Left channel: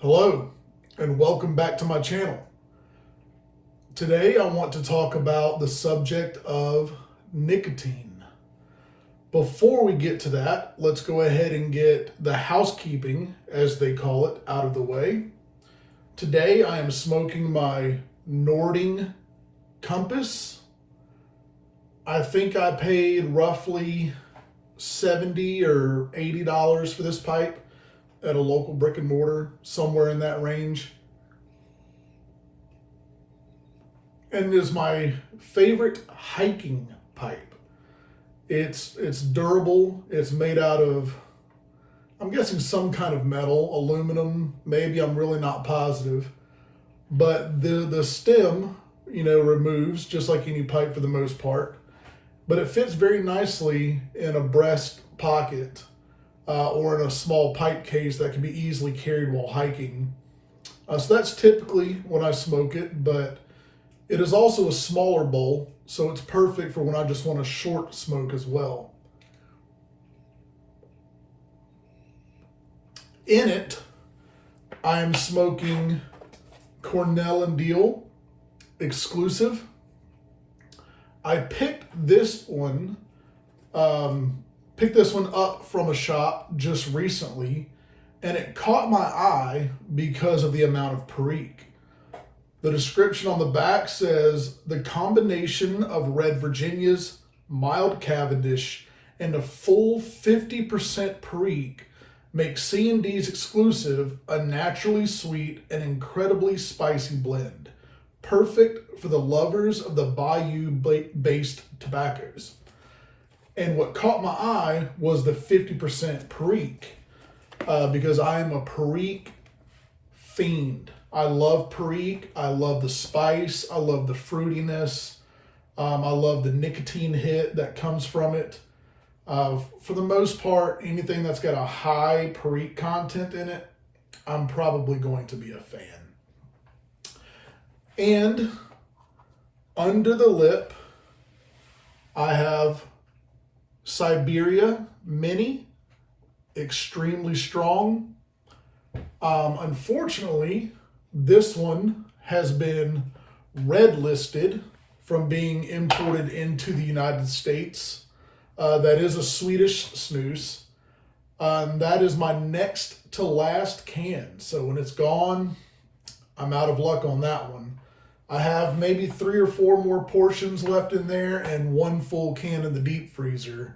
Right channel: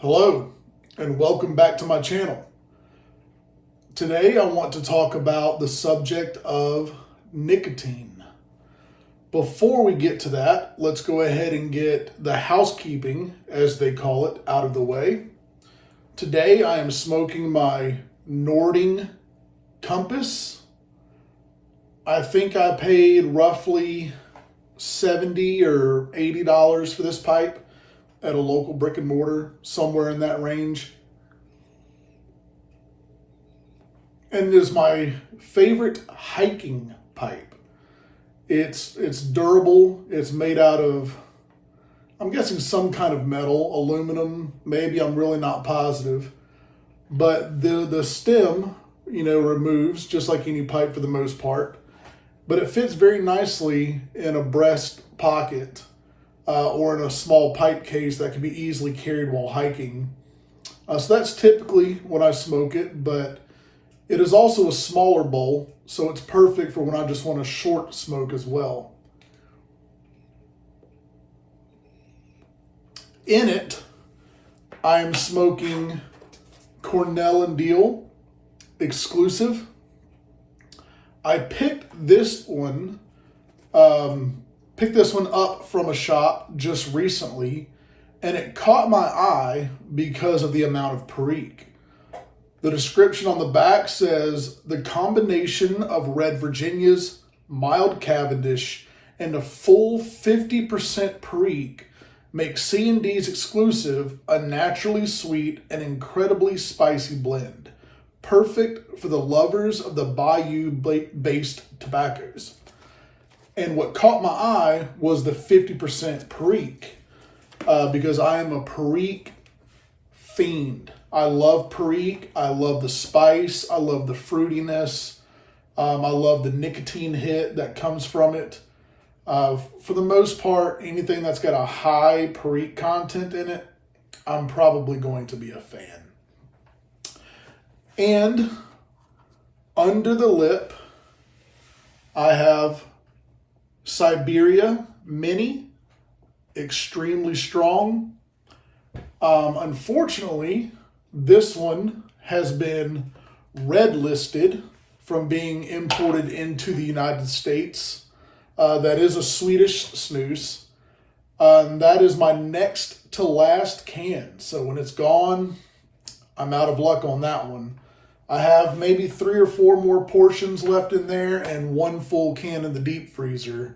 Hello, and welcome back to my channel. Today I want to talk about the subject of nicotine. Before we get to that, let's go ahead and get the housekeeping, as they call it, out of the way. Today I am smoking my Nording Compass. I think I paid roughly $70 or $80 for this pipe at a local brick and mortar, somewhere in that range. And it is my favorite hiking pipe. It's durable. It's made out of, I'm guessing, some kind of metal, aluminum, maybe. I'm really not positive. But the stem, removes just like any pipe for the most part. But it fits very nicely in a breast pocket or in a small pipe case that can be easily carried while hiking. So that's typically when I smoke it, but it is also a smaller bowl, so it's perfect for when I just want a short smoke as well. In it, I am smoking Cornell and Deal exclusive. I picked this one up from a shop just recently, and it caught my eye because of the amount of perique. The description on the back says, the combination of Red Virginia's, mild Cavendish, and a full 50% perique makes C&D's exclusive a naturally sweet and incredibly spicy blend. Perfect for the lovers of the Bayou-based tobaccos. And what caught my eye was the 50% perique, because I am a perique fiend. I love perique. I love the spice. I love the fruitiness. I love the nicotine hit that comes from it. For the most part, anything that's got a high perique content in it, I'm probably going to be a fan. And under the lip, I have Siberia Mini, extremely strong. Unfortunately, this one has been red listed from being imported into the United States. That is a Swedish snus. That is my next to last can. So when it's gone, I'm out of luck on that one. I have maybe 3 or 4 more portions left in there and 1 full can in the deep freezer.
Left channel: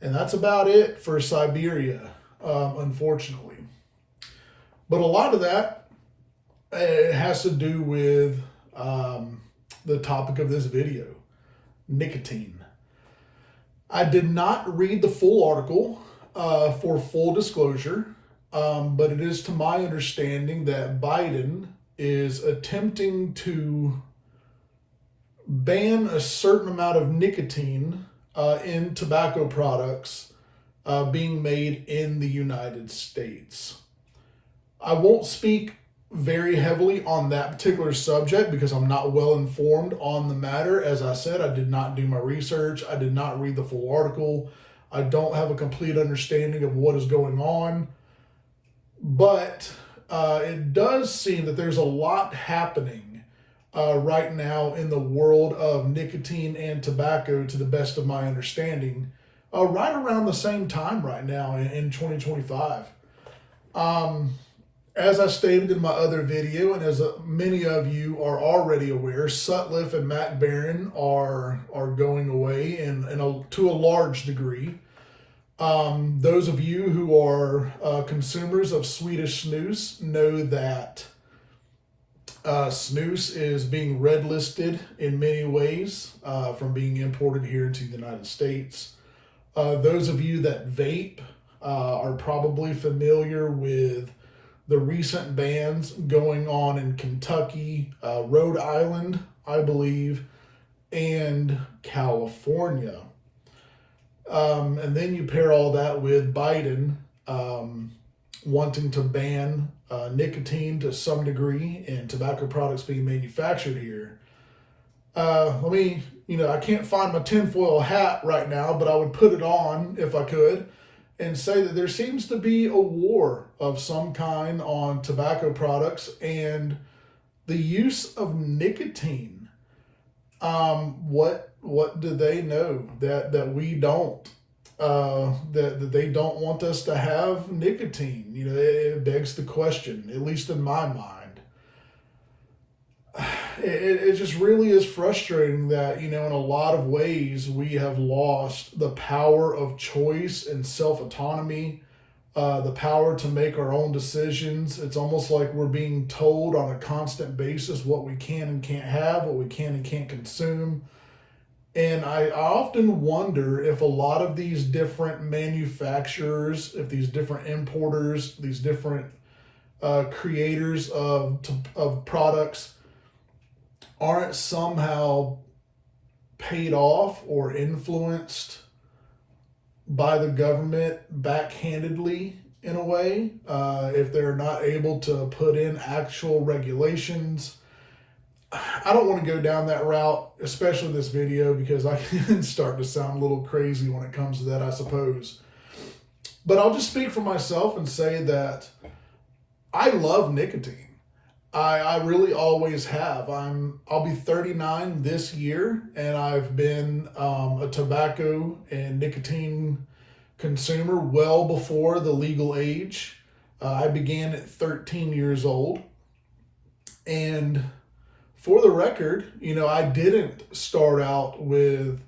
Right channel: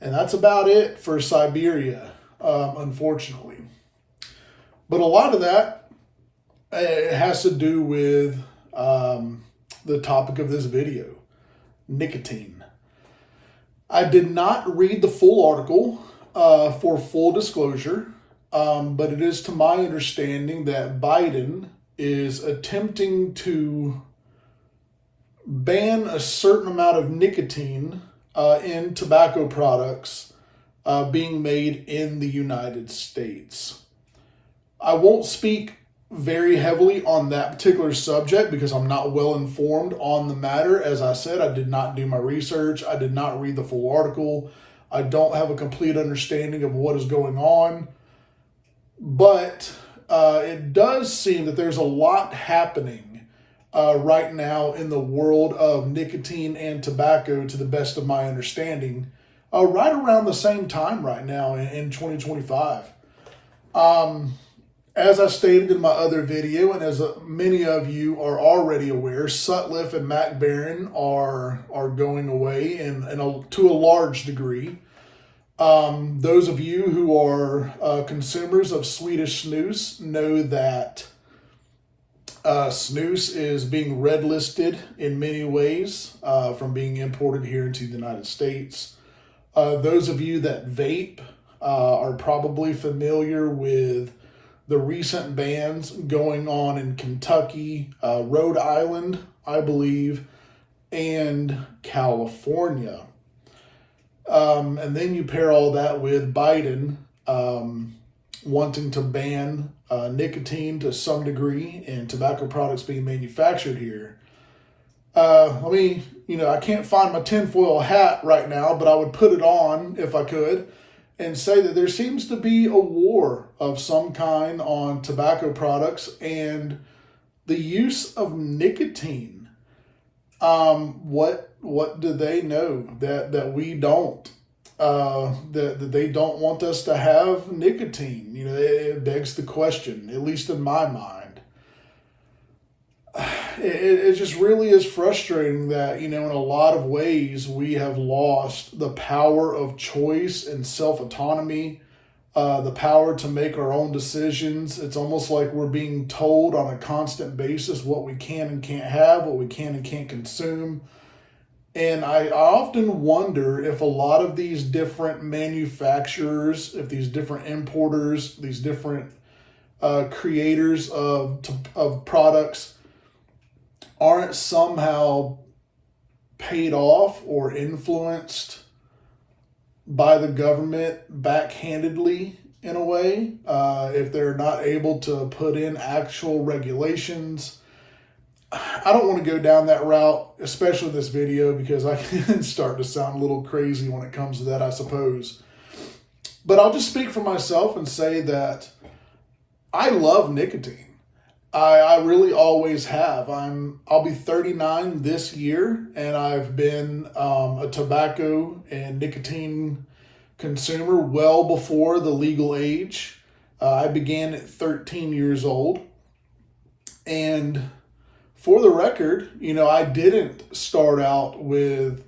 And that's about it for Siberia, unfortunately. But a lot of that has to do with the topic of this video, nicotine. I did not read the full article for full disclosure, but it is to my understanding that Biden is attempting to ban a certain amount of nicotine in tobacco products being made in the United States. I won't speak very heavily on that particular subject because I'm not well informed on the matter. As I said, I did not do my research. I did not read the full article. I don't have a complete understanding of what is going on. But it does seem that there's a lot happening right now in the world of nicotine and tobacco, to the best of my understanding, right around the same time right now in 2025. As I stated in my other video, and as many of you are already aware, Sutliff and Mac Baren are going away to a large degree. Those of you who are consumers of Swedish snus know that snus is being red listed in many ways from being imported here into the United States. Those of you that vape are probably familiar with the recent bans going on in Kentucky, Rhode Island, I believe, and California. And then you pair all that with Biden wanting to ban nicotine to some degree in tobacco products being manufactured here. I can't find my tinfoil hat right now, but I would put it on if I could. and say that there seems to be a war of some kind on tobacco products and the use of nicotine. What do they know that we don't? That they don't want us to have nicotine. It begs the question, at least in my mind. It just really is frustrating that, in a lot of ways, we have lost the power of choice and self-autonomy, the power to make our own decisions. It's almost like we're being told on a constant basis what we can and can't have, what we can and can't consume. And I often wonder if a lot of these different manufacturers, if these different importers, these different creators of products aren't somehow paid off or influenced by the government backhandedly in a way, if they're not able to put in actual regulations. I don't want to go down that route, especially this video, because I can start to sound a little crazy when it comes to that, I suppose. But I'll just speak for myself and say that I love nicotine. I really always have. I'll be 39 this year, and I've been a tobacco and nicotine consumer well before the legal age. I began at 13 years old. And for the record, I didn't start out with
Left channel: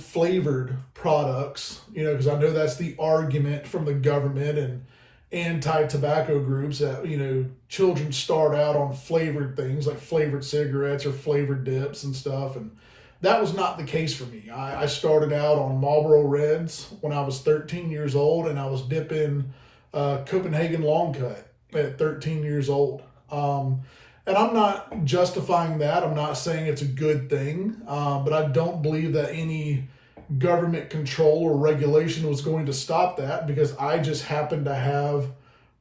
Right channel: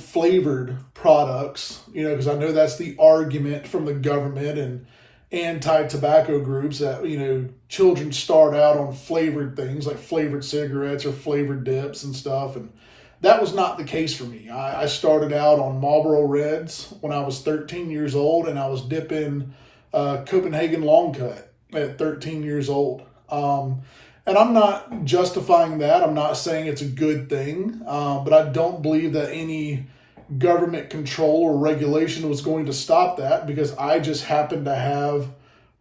flavored products, because I know that's the argument from the government and anti-tobacco groups that, children start out on flavored things like flavored cigarettes or flavored dips and stuff. And that was not the case for me. I started out on Marlboro Reds when I was 13 years old, and I was dipping Copenhagen Long Cut at 13 years old. And I'm not justifying that. I'm not saying it's a good thing, but I don't believe that any government control or regulation was going to stop that, because I just happened to have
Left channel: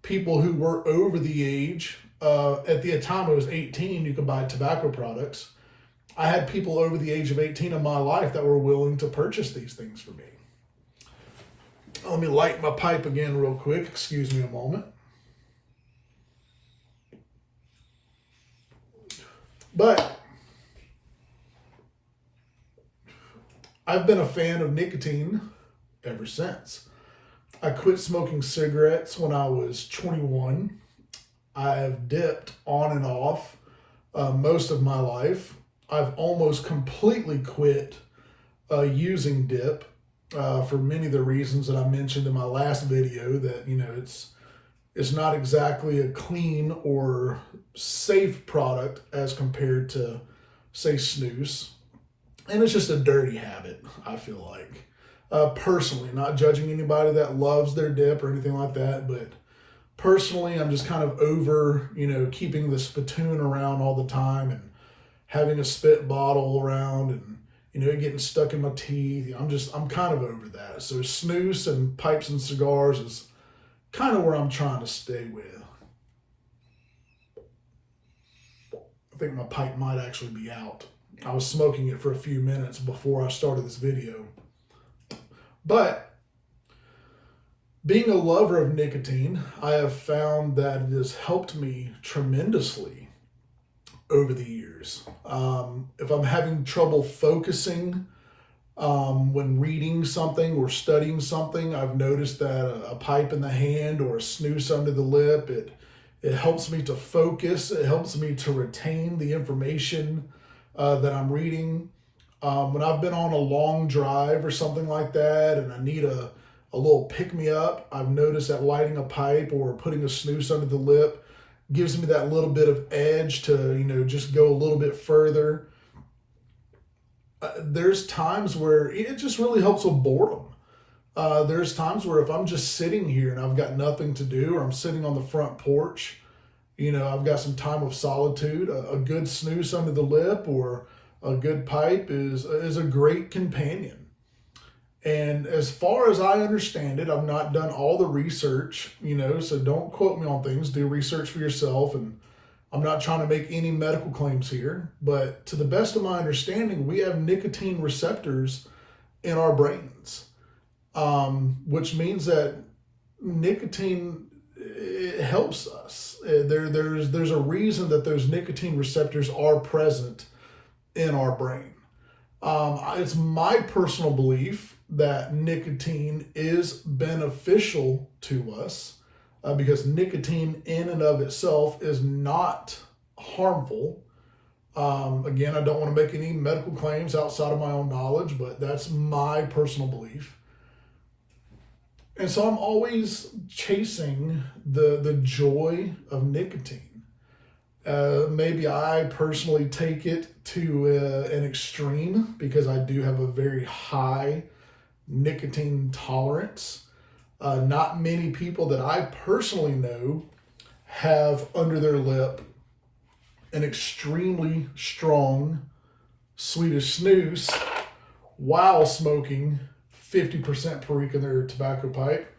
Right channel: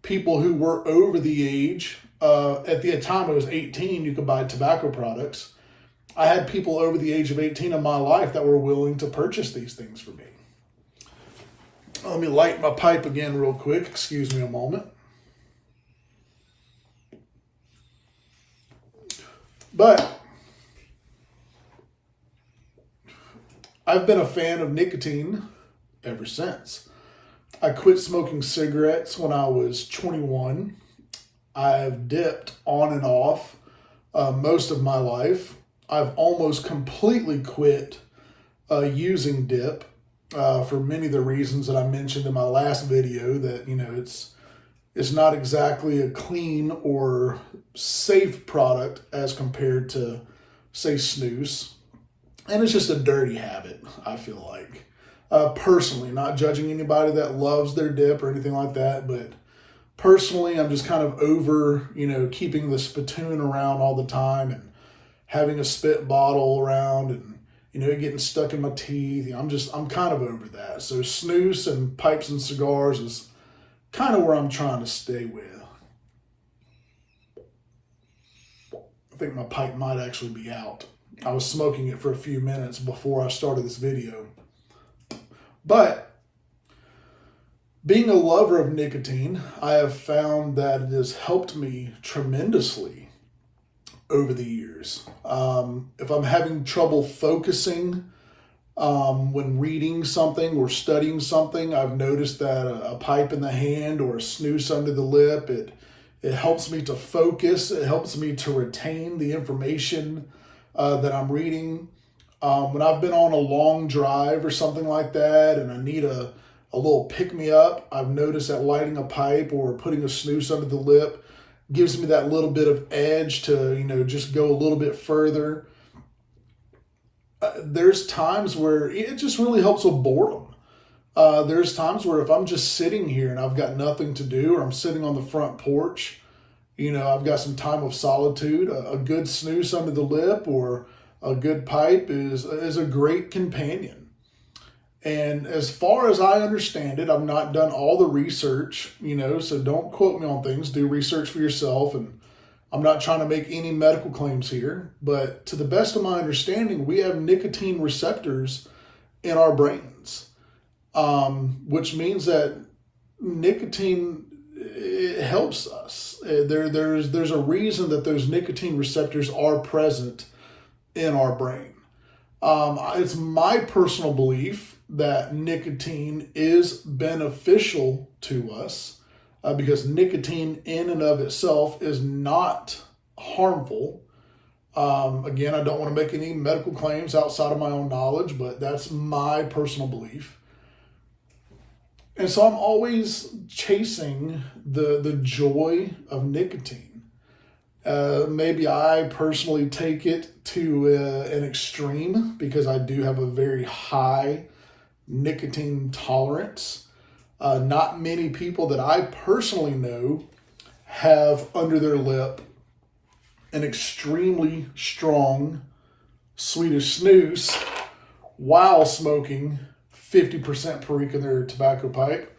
people who were over the age. At the time it was 18, you could buy tobacco products. I had people over the age of 18 in my life that were willing to purchase these things for me. Let me light my pipe again real quick. Excuse me a moment. But I've been a fan of nicotine ever since. I quit smoking cigarettes when I was 21. I have dipped on and off most of my life. I've almost completely quit using dip for many of the reasons that I mentioned in my last video, that, it's not exactly a clean or safe product as compared to, say, snus. And it's just a dirty habit, I feel like. Personally, not judging anybody that loves their dip or anything like that, but personally, I'm just kind of over, keeping the spittoon around all the time and having a spit bottle around and, it getting stuck in my teeth. I'm kind of over that. So snus and pipes and cigars is kind of where I'm trying to stay with. I think my pipe might actually be out. I was smoking it for a few minutes before I started this video. But being a lover of nicotine, I have found that it has helped me tremendously over the years. If I'm having trouble focusing when reading something or studying something, I've noticed that a pipe in the hand or a snooze under the lip, it helps me to focus. It helps me to retain the information that I'm reading. When I've been on a long drive or something like that and I need a little pick-me-up, I've noticed that lighting a pipe or putting a snooze under the lip gives me that little bit of edge to, just go a little bit further. There's times where it just really helps with boredom. There's times where if I'm just sitting here and I've got nothing to do, or I'm sitting on the front porch, I've got some time of solitude, a good snooze under the lip or a good pipe is a great companion. And as far as I understand it, I've not done all the research, so don't quote me on things. Do research for yourself. And I'm not trying to make any medical claims here, but to the best of my understanding, we have nicotine receptors in our brains. which means that nicotine, it helps us. There's a reason that those nicotine receptors are present in our brain. It's my personal belief that nicotine is beneficial to us because nicotine in and of itself is not harmful. Again, I don't want to make any medical claims outside of my own knowledge, but that's my personal belief. And so I'm always chasing the joy of nicotine. Maybe I personally take it to an extreme because I do have a very high nicotine tolerance. Not many people that I personally know have under their lip an extremely strong Swedish snus while smoking 50% Perique in their tobacco pipe.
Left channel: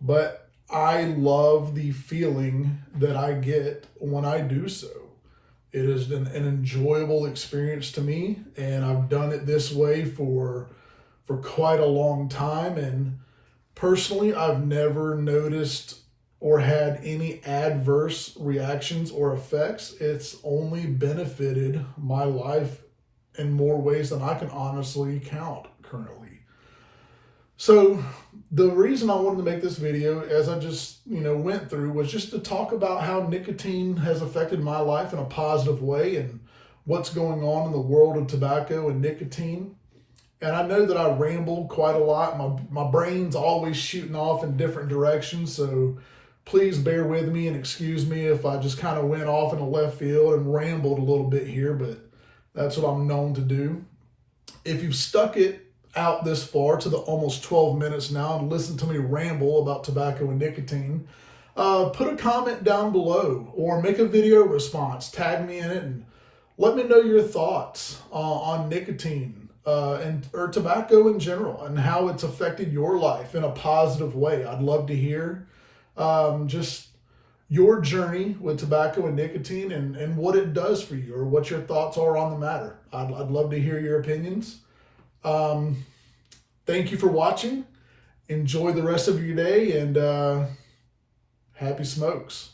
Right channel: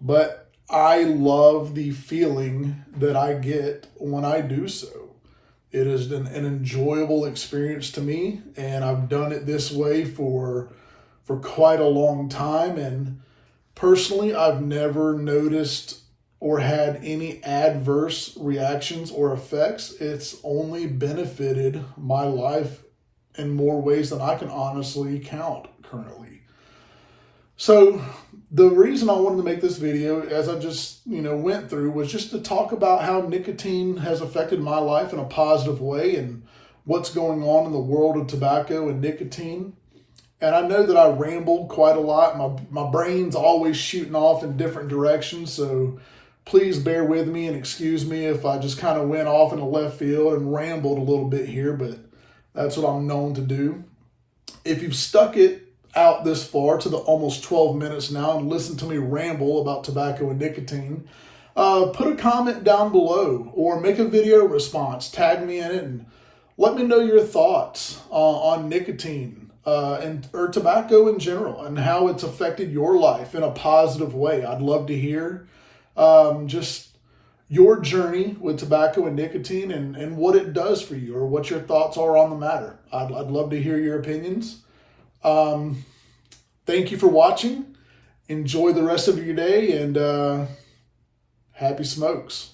But I love the feeling that I get when I do so. It is an enjoyable experience to me, and I've done it this way for quite a long time. And personally, I've never noticed or had any adverse reactions or effects. It's only benefited my life in more ways than I can honestly count currently. So the reason I wanted to make this video, as I just went through, was just to talk about how nicotine has affected my life in a positive way and what's going on in the world of tobacco and nicotine. And I know that I rambled quite a lot. My brain's always shooting off in different directions, so please bear with me and excuse me if I just kind of went off in the left field and rambled a little bit here, but that's what I'm known to do. If you've stuck it out this far to the almost 12 minutes now and listened to me ramble about tobacco and nicotine, put a comment down below or make a video response, tag me in it, and let me know your thoughts on nicotine or tobacco in general and how it's affected your life in a positive way. I'd love to hear just your journey with tobacco and nicotine and what it does for you or what your thoughts are on the matter. I'd love to hear your opinions. Thank you for watching. Enjoy the rest of your day and happy smokes.